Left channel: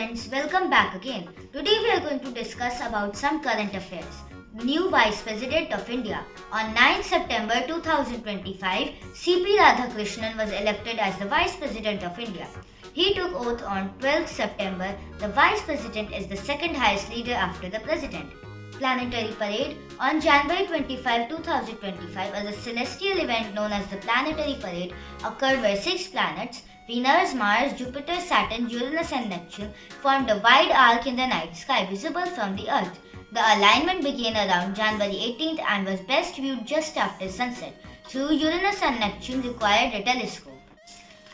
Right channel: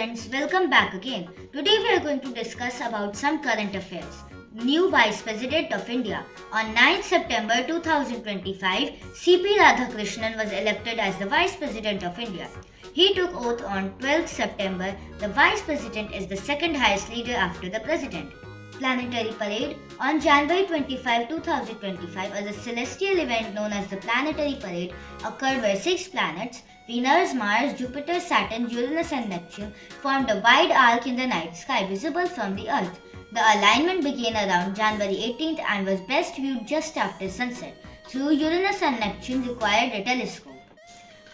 friends, welcome back again. Today we are going to discuss about some current affairs. New Vice President of India. On 9 September 2025, CP Radhakrishnan was elected as the Vice President of India. He took oath on 12 September. The Vice President is the second highest leader after the President. Planetary Parade. On January 25, 2025, a celestial event known as the Planetary Parade occurred where 6 planets, Venus, Mars, Jupiter, Saturn, Uranus and Neptune, formed a wide arc in the night sky visible from the Earth. The alignment began around January 18th and was best viewed just after sunset. Through Uranus and Neptune required a telescope.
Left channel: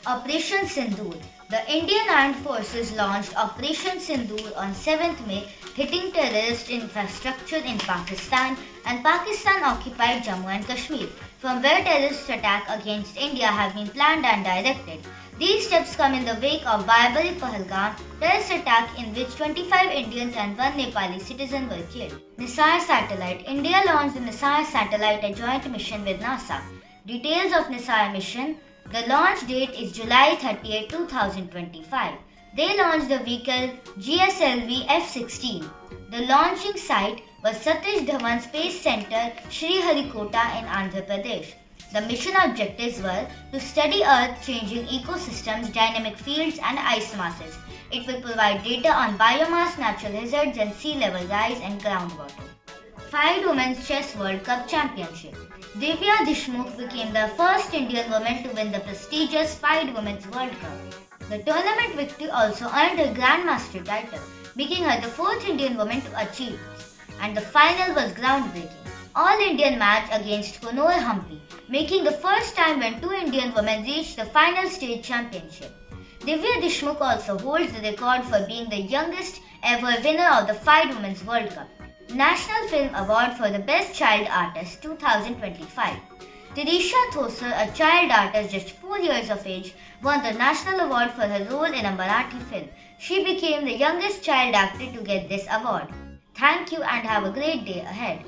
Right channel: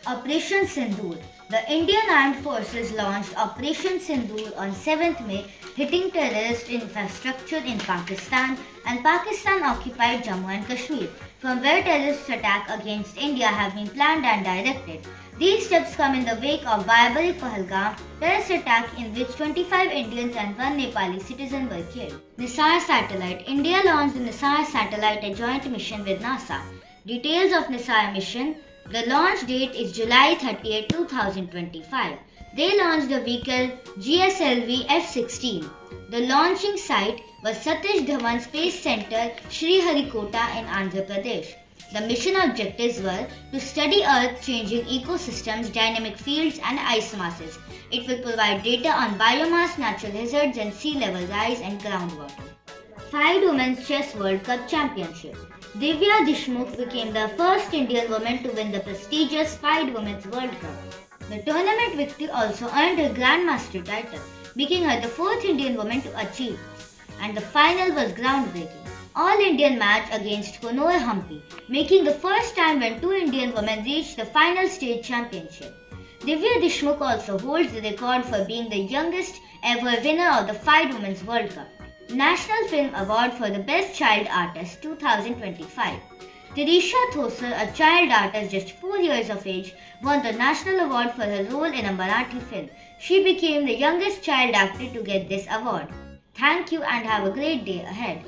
Operation Sindoor. The Indian Armed Forces launched Operation Sindoor on 7th May, hitting terrorist infrastructure in Pakistan and Pakistan-occupied Jammu and Kashmir, from where terrorist attacks against India have been planned and directed. These steps come in the wake of Barbary Pahalgam terrorist attack in which 25 Indians and 1 Nepali citizen were killed. NISAR satellite. India launched the NISAR satellite, a joint mission with NASA. Details of NISAR mission. The launch date is July 30, 2025. They launched the vehicle GSLV F-16. The launching site was Satish Dhawan Space Center, Sriharikota in Andhra Pradesh. The mission objectives were to study Earth-changing ecosystems, dynamic fields and ice masses. It will provide data on biomass, natural hazards and sea level rise and groundwater. 5 Women's Chess World Cup Championship. Divya Deshmukh became the first Indian woman to win the prestigious 5 Women's World Cup. The tournament victory also earned her Grandmaster title, making her the 4th Indian woman to achieve this. And the final was groundbreaking. All-Indian match against Konoor Hampi, making the first time when 2 Indian women reached the final state championship. Divya Deshmukh also holds the record for being the youngest ever winner of the 5 Women's World Cup. National Film Award for the Best Child Artist 2025. Teresha Thosar, a child artist just 4 years of age, won the National Award for her role in a Marathi film. She became the youngest child actor to get this award. Thank you and have a great day ahead.